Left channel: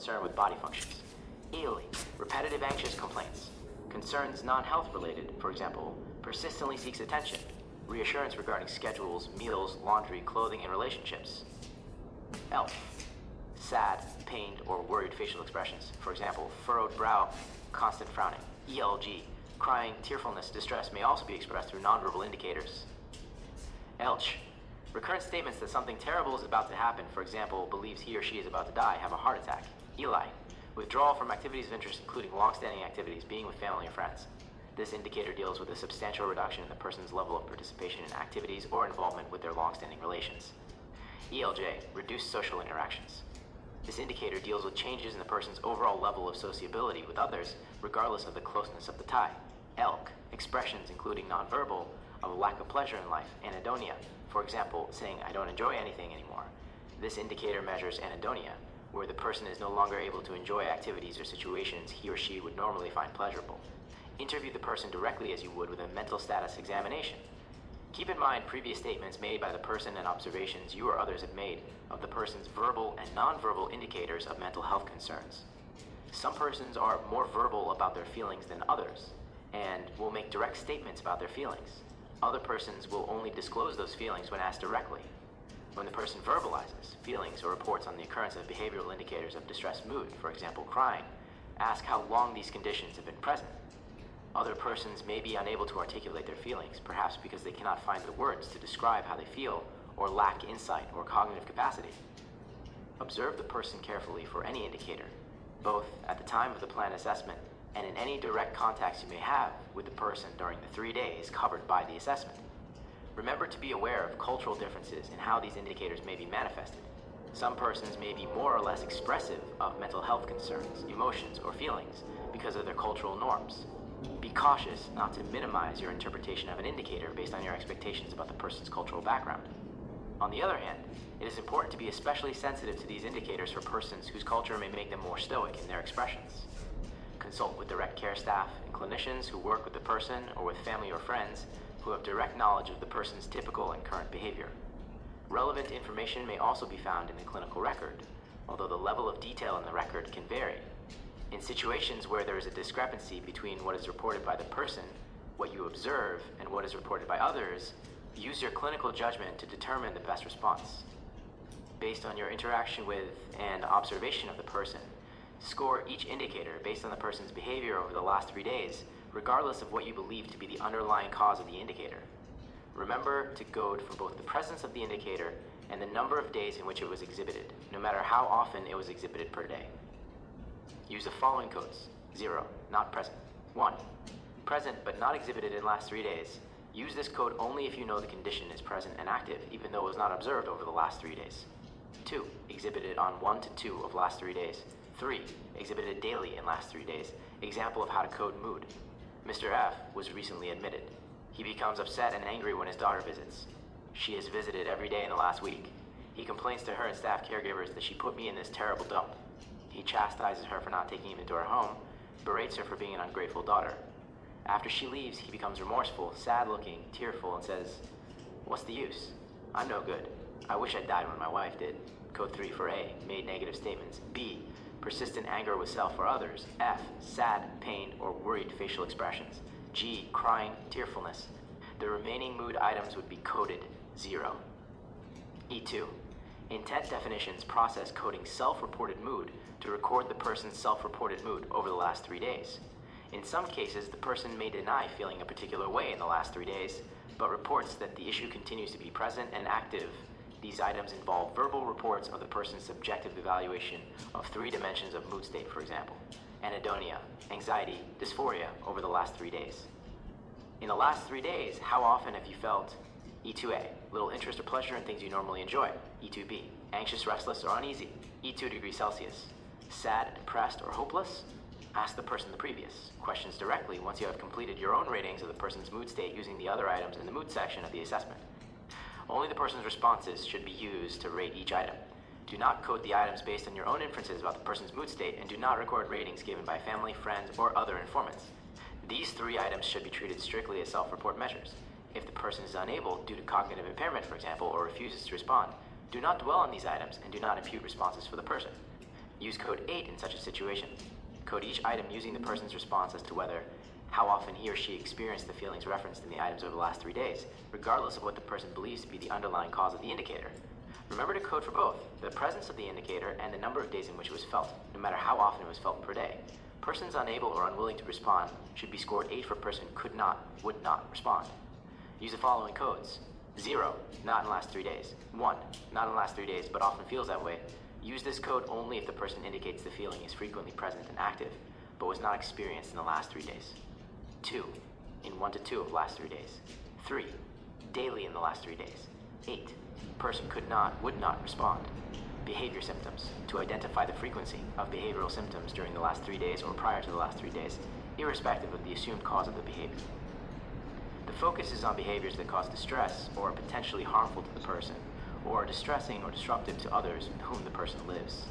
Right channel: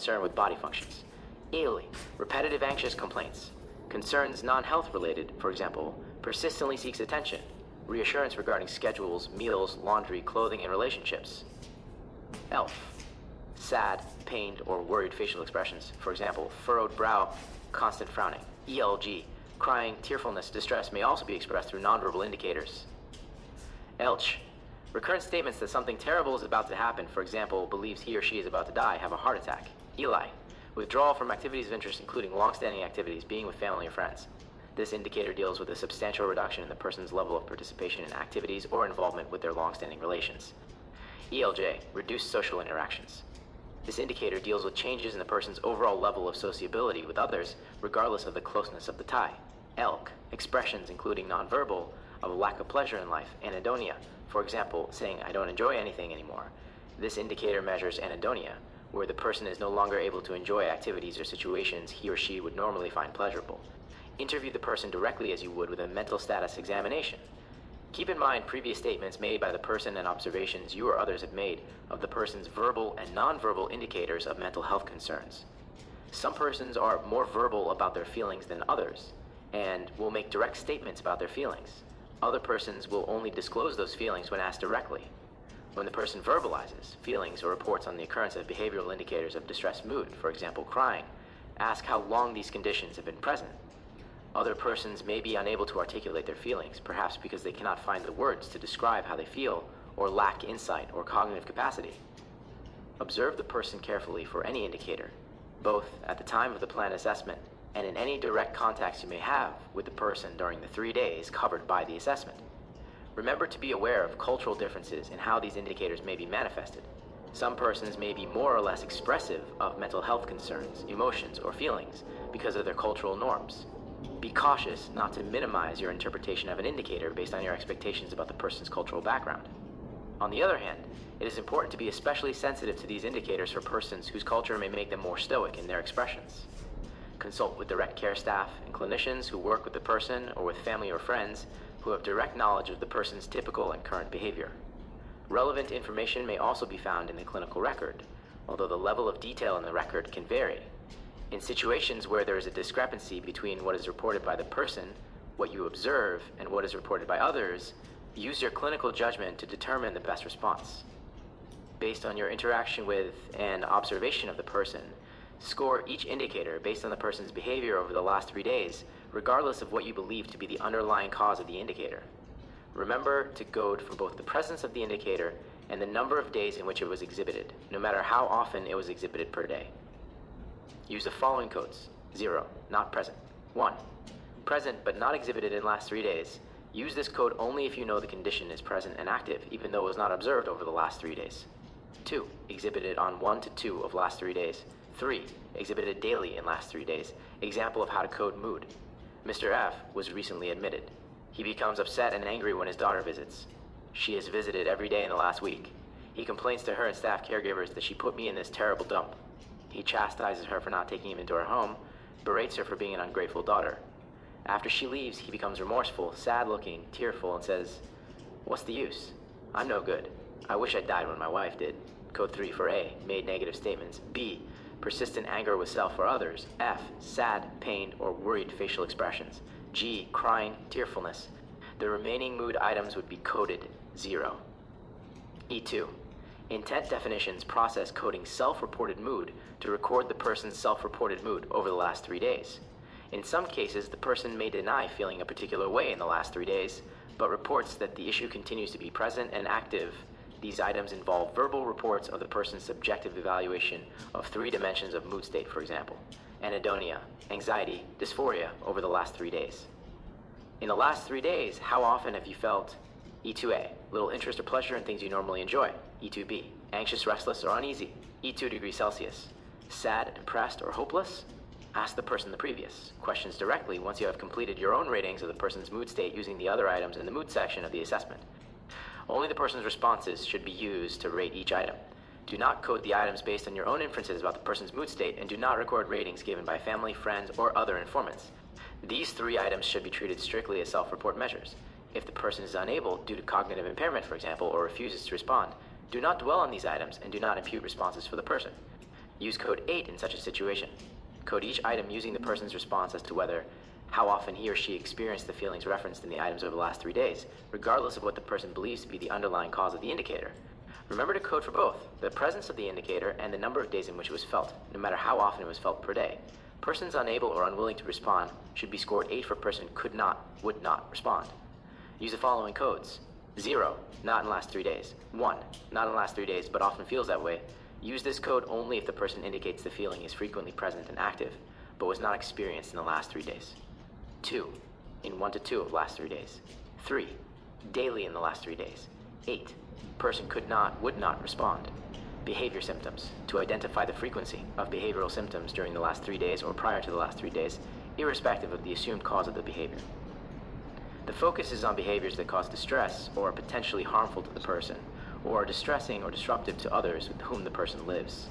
concern with body functions. Ely, repetitive anxious complaints. Concerns non-health related, for example, persistently seeks attention, reassurance regarding schedules, meals, laundry, clothing, and relationships. Elf, sad, pained, or worried facial expressions, for example, furrowed brow, constant frowning. ELG, crying, tearfulness, distress may also be expressed through nonverbal indicators. Elch, recurrent statements that something terrible is about to happen, for example, believes he or she is about to die, have a heart attack. Eli, withdrawal from activities of interest including long-standing activities, being with family or friends. This indicator deals with a substantial reduction in the person's level of participation in activities or involvement with their long-standing relations. ELJ, reduced social interactions. This indicator deals with changes in the person's overall level of sociability with others, regardless of the closeness of the tie. Elk, expressions including nonverbal, of lack of pleasure in life. Anhedonia, for example, saying, "I don't enjoy anything anymore." This indicator measures anhedonia, where the person is no longer able to enjoy activities or situations he or she would normally find pleasurable. Interview the person directly as you would with a mental status examination. Keep in mind previous statements made by the person and observations you or others have made of the person's verbal and nonverbal indicators of mental health concerns. Some persons are more verbal about their feelings than others, and will make direct statements about their feelings. Other persons will only disclose those feelings when asked directly. When the person verbalizes feelings or reports on the occurrence of behavioral indicators of distressed mood, for example, crying, ask how long these conditions have been present. Other persons may be unable to articulate their feelings, perhaps because they cannot find the words to describe how they feel or lack insight or cognitive capacity. Observe the person carefully for any indicator, both at the time of the plan assessment and in any direct contacts you may have with the person during the 3 days covered by the assessment. Remember to be aware of cultural differences in how these indicators may be manifested. Some persons may be more or less expressive of mental health concerns, emotions, or feelings because of their cultural norms. Be cautious not to minimize your interpretation of an indicator based on your expectations about the person's cultural background. On the other hand, it is important to be especially sensitive to these indicators for persons whose culture may make them more stoic in their expressions. Consult with direct care staff and clinicians who work with the person or with family or friends who have direct knowledge of the person's typical and current behavior. Relevant information may also be found in the clinical record, although the level of detail in the record can vary. In situations where there is a discrepancy between what is reported by the person, what you observe, and what is reported by others, use your clinical judgment to determine the best response. Based on your interaction with and observation of the person, score each indicator based on the person's behavior over the last 3 days, regardless of what you believe to be the underlying cause of the indicator. Remember to code for both the presence of the indicator and the number of days in which it was exhibited, no matter how often it was exhibited per day. Use the following codes. 0, not present. 1, present but not exhibited in last 3 days. Use this code only if you know the condition is present and active, even though it was not observed over the last 3 days. 2, exhibited on 1 to 2 of last 3 days. 3, exhibited daily in last 3 days. Example of how to code mood. Mr. F was recently admitted. He becomes upset and angry when his daughter visits. She has visited every day in the last week. He complains to her and staff caregivers that she put me in this terrible dump. He chastises her for not taking him into her home, berates her for being an ungrateful daughter. After she leaves, he becomes remorseful, sad-looking, tearful, and says, "What's the use? I'm no good. I wish I died when my wife did." Code 3 for A, made negative statements. B, persistent anger with self or others. F, sad, pained, or worried facial expressions. G, crying, tearfulness. The remaining mood items would be coded 0. E2, intent definitions process coding self-reported mood to record the person's self-reported mood over the last 3 days. In some cases, the person may deny feeling a particular way in the last 3 days, but reports that the issue continues to be present and active. These items involve verbal reports of the person's subjective evaluation of 3 dimensions of mood state, for example, anhedonia, anxiety, dysphoria over the last 3 days. In the last 3 days, how often have you felt E2A, little interest or pleasure in things you normally enjoy? E2B, anxious, restless, or uneasy? E2 degrees Celsius, sad, depressed, or hopeless? Ask the person the previous questions directly once you have completed your own ratings of the person's mood state using the other items in the mood section of the assessment. Only the person's responses should be used to rate each item. Do not code the items based on your own inferences about the person's mood state, and do not record ratings given by family, friends, or other informants. These 3 items should be treated strictly as self-report measures. If the person is unable, due to cognitive impairment, for example, or refuses to respond, do not dwell on these items and do not impute responses for the person. Use code 8 in such a situation. Code each item using the person's response as to how often he or she experienced the feelings referenced in the items over the last 3 days, regardless of what the person believes to be the underlying cause of the indicator. Remember to code for both, the presence of the indicator and the number of days in which it was felt, no matter how often it was felt per day. Persons unable or unwilling to respond should be scored 8 for person could not, would not respond. Use the following codes. 0, not in the last 3 days. 1, not in the last 3 days, but often feels that way. Use this code only if the person indicates the feeling is frequently present and active, but was not experienced in the last 3 days. 2, in 1 to 2 of the last 3 days. 3, daily in the last 3 days. 8, person could not, would not respond. Behavior symptoms, to identify the frequency of behavioral symptoms during the last 3 days or prior to the last 3 days, irrespective of the assumed cause of the behavior. The focus is on behaviors that cause distress or are potentially harmful to the person, or are distressing or disruptive to others with whom the person lives.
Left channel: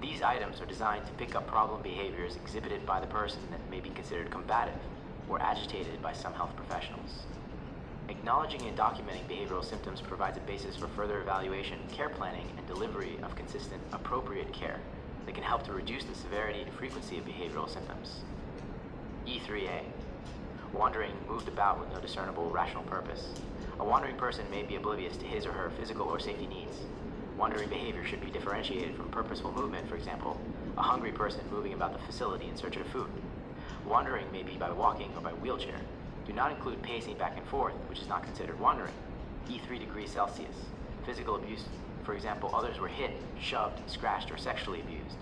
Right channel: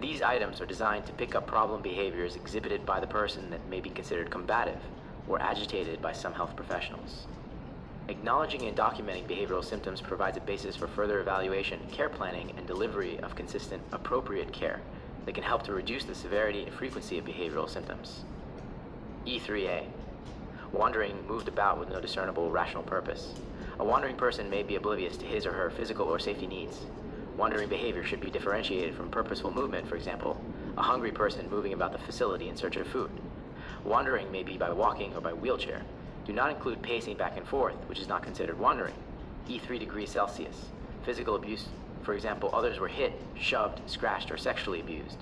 These items are designed to pick up problem behaviors exhibited by the person that may be considered combative or agitated by some health professionals. Acknowledging and documenting behavioral symptoms provides a basis for further evaluation, care planning, and delivery of consistent, appropriate care that can help to reduce the severity and frequency of behavioral symptoms. E3A. Wandering, moved about with no discernible rational purpose. A wandering person may be oblivious to his or her physical or safety needs. Wandering behavior should be differentiated from purposeful movement, for example, a hungry person moving about the facility in search of food. Wandering may be by walking or by wheelchair. Do not include pacing back and forth, which is not considered wandering. E3 degrees Celsius. Physical abuse, for example, others were hit, shoved, scratched, or sexually abused.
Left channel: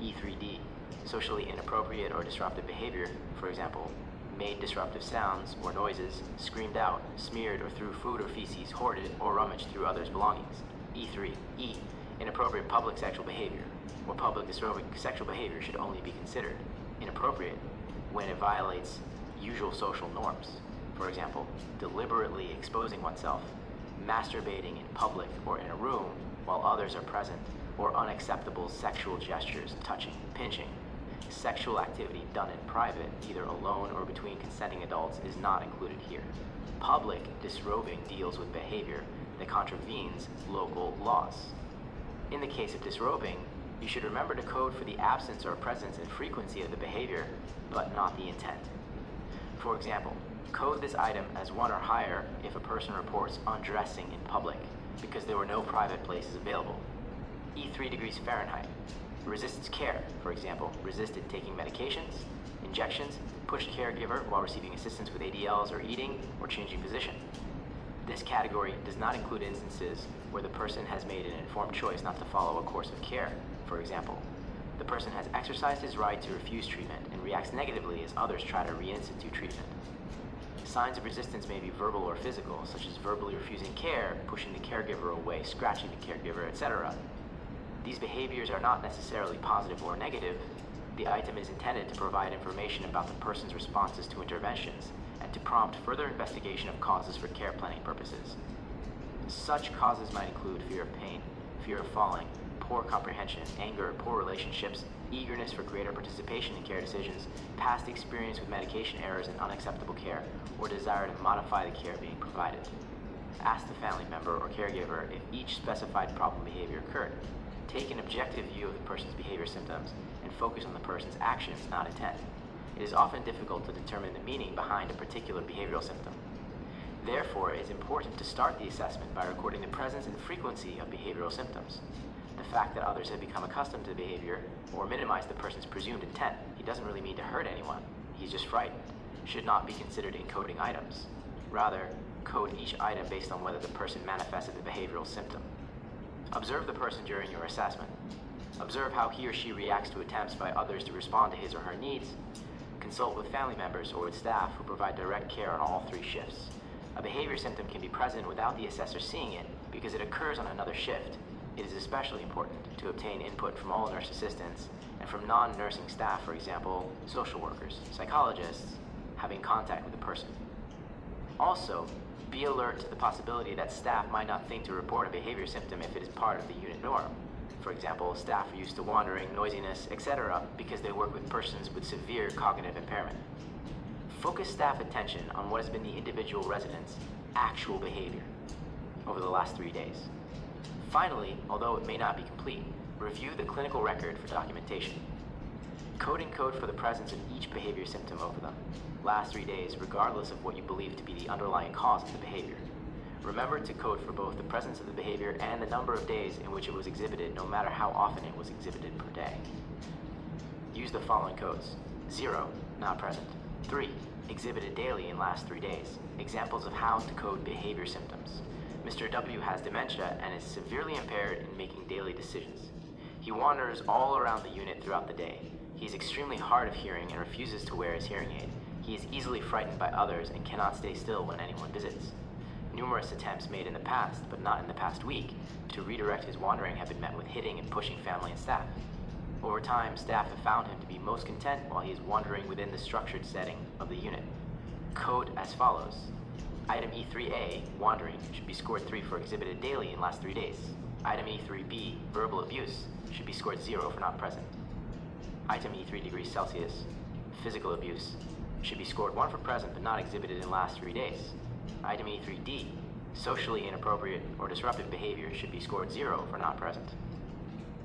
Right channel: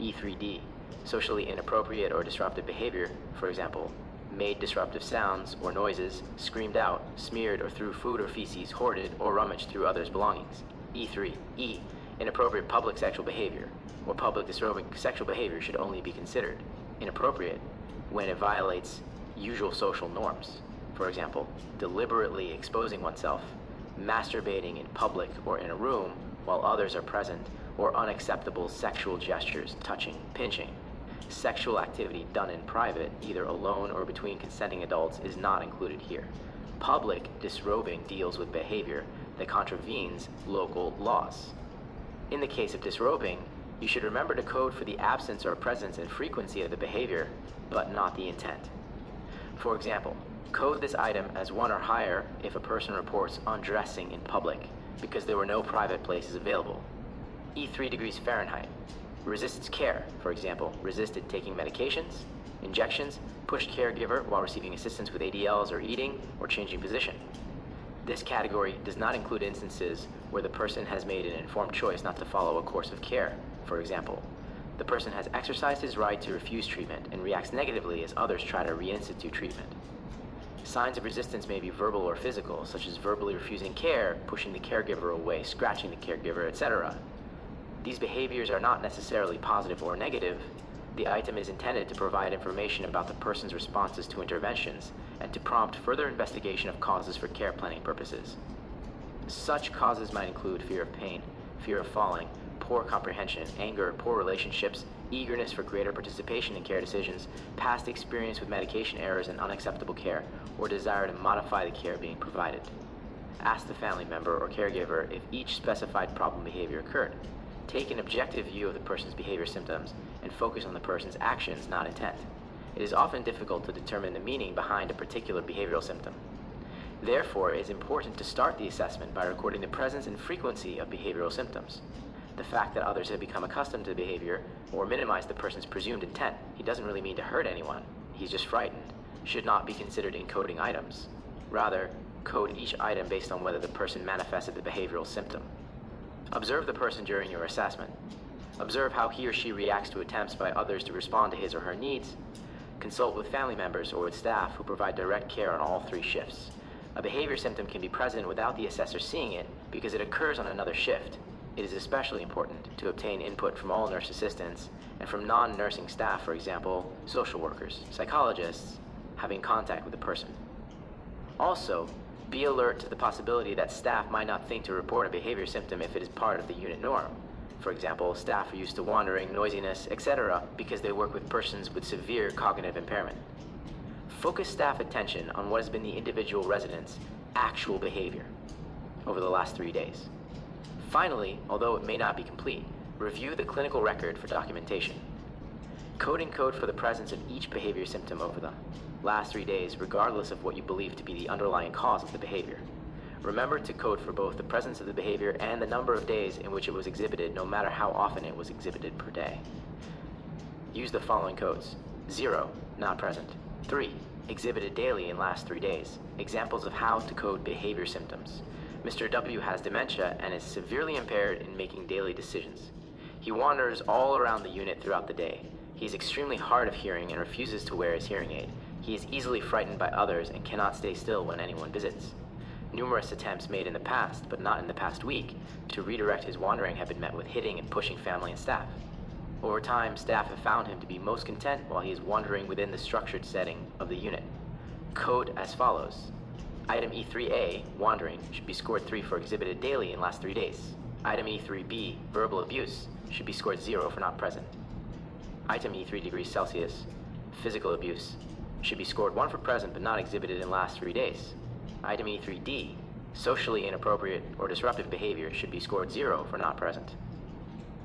E3D. Socially inappropriate or disruptive behavior, for example, made disruptive sounds or noises, screamed out, smeared or threw food or feces, hoarded or rummaged through others' belongings. E3. E. Inappropriate public sexual behavior, or public disrobing sexual behavior should only be considered inappropriate when it violates usual social norms. For example, deliberately exposing oneself, masturbating in public or in a room while others are present, or unacceptable sexual gestures, touching, pinching. Sexual activity done in private, either alone or between consenting adults, is not included here. Public disrobing deals with behavior that contravenes local laws. In the case of disrobing, you should remember to code for the absence or presence and frequency of the behavior, but not the intent. For example, code this item as 1 or higher if a person reports undressing in public because there were no private places available. E3 degrees Fahrenheit. Resistance care, for example, resisted taking medications, injections, pushed caregiver while receiving assistance with ADLs or eating or changing position. This category does not include instances where the person has made an informed choice not to follow a course of care. For example, the person has exercised his right to refuse treatment and reacts negatively as others try to reinstitute treatment. Signs of resistance may be verbal or physical, such as verbally refusing care, pushing the caregiver away, scratching the caregiver, etc. These behaviors are not necessarily positive or negative. The item is intended to provide information about the person's responses to interventions and to prompt further investigation of causes for care planning purposes. Such causes might include fear of pain, fear of falling, poor comprehension, anger, poor relationships, eagerness for greater participation in care decisions, past experience with medication errors and unacceptable care, or desire to modify the care being provided. Ask the family member or caregiver if each specified problem behavior occurred. Take an objective view of the person's behavior symptoms and focus on the person's actions, not intent. It is often difficult to determine the meaning behind a particular behavioral symptom. Therefore, it is important to start the assessment by recording the presence and frequency of behavioral symptoms. The fact that others have become accustomed to the behavior or minimize the person's presumed intent, he doesn't really mean to hurt anyone, he's just frightened, should not be considered in coding items. Rather, code each item based on whether the person manifested the behavioral symptom. Observe the person during your assessment. Observe how he or she reacts to attempts by others to respond to his or her needs. Consult with family members or with staff who provide direct care on all 3 shifts. A behavior symptom can be present without the assessor seeing it because it occurs on another shift. It is especially important to obtain input from all nurse assistants and from non-nursing staff, for example, social workers, psychologists, having contact with the person. Also, be alert to the possibility that staff might not think to report a behavior symptom if it is part of the unit norm. For example, staff are used to wandering, noisiness, etc. because they work with persons with severe cognitive impairment. Focus staff attention on what has been the individual resident's actual behavior over the last 3 days. Finally, although it may not be complete, Review the clinical record for documentation. Code and code for the presence of each behavior symptom over them. Last 3 days, regardless of what you believe to be the underlying cause of the behavior. Remember to code for both the presence of the behavior and the number of days in which it was exhibited, no matter how often it was exhibited per day. Use the following codes. 0, not present. 3, exhibited daily in last 3 days. Examples of how to code behavior symptoms. Mr. W has dementia and is severely impaired in making daily decisions. He wanders all around the unit throughout the day. He is extremely hard of hearing and refuses to wear his hearing aid. He is easily frightened by others and cannot stay still when anyone visits. Numerous attempts made in the past, but not in the past week, to redirect his wandering have been met with hitting and pushing family and staff. Over time, staff have found him to be most content while he is wandering within the structured setting of the unit. Code as follows. Item E3A, wandering, should be scored 3 for exhibited daily in last 3 days. Item E3B, verbal abuse, should be scored 0 for not present. Item E3 degrees Celsius, physical abuse, should be scored 1 for present but not exhibited in last 3 days. Item E3D, socially inappropriate or disruptive behavior, should be scored 0 for not present.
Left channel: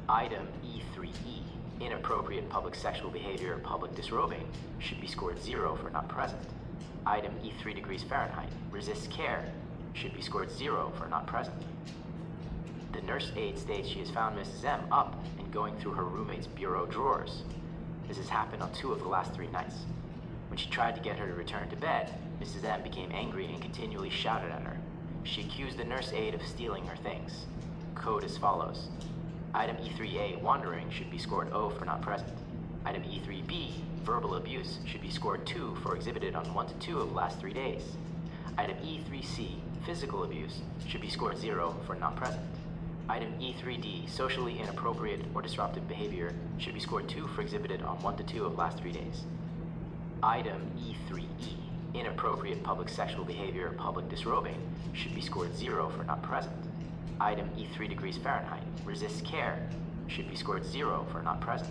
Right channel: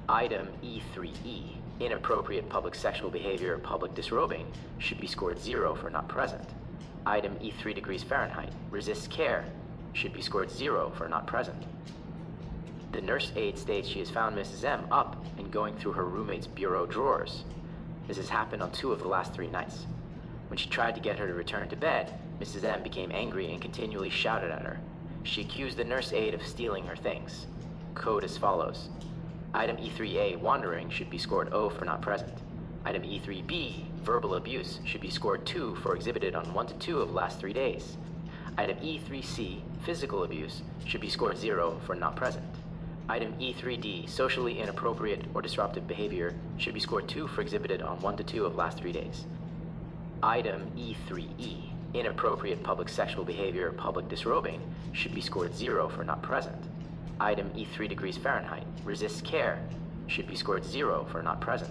Item E3E, inappropriate public sexual behavior or public disrobing, should be scored 0 for not present. Item E3 degrees Fahrenheit, resists care, should be scored 0 for not present. The nurse aide states she has found Mrs. M up and going through her roommate's bureau drawers. This has happened on 2 of the last 3 nights. When she tried to get her to return to bed, Mrs. M became angry and continually shouted at her. She accused the nurse aide of stealing her things. Code as follows. Item E3A, wandering, should be scored 0 for not present. Item E3B, verbal abuse, should be scored 2 for exhibited on 1 to 2 of the last 3 days. Item E3C, physical abuse, should be scored 0 for not present. Item E3D, socially inappropriate or disruptive behavior, should be scored 2 for exhibited on 1 to 2 of the last 3 days. Item E3E, inappropriate public sexual behavior or public disrobing, should be scored 0 for not present. Item E3 degrees Fahrenheit, resists care, should be scored 0 for not present.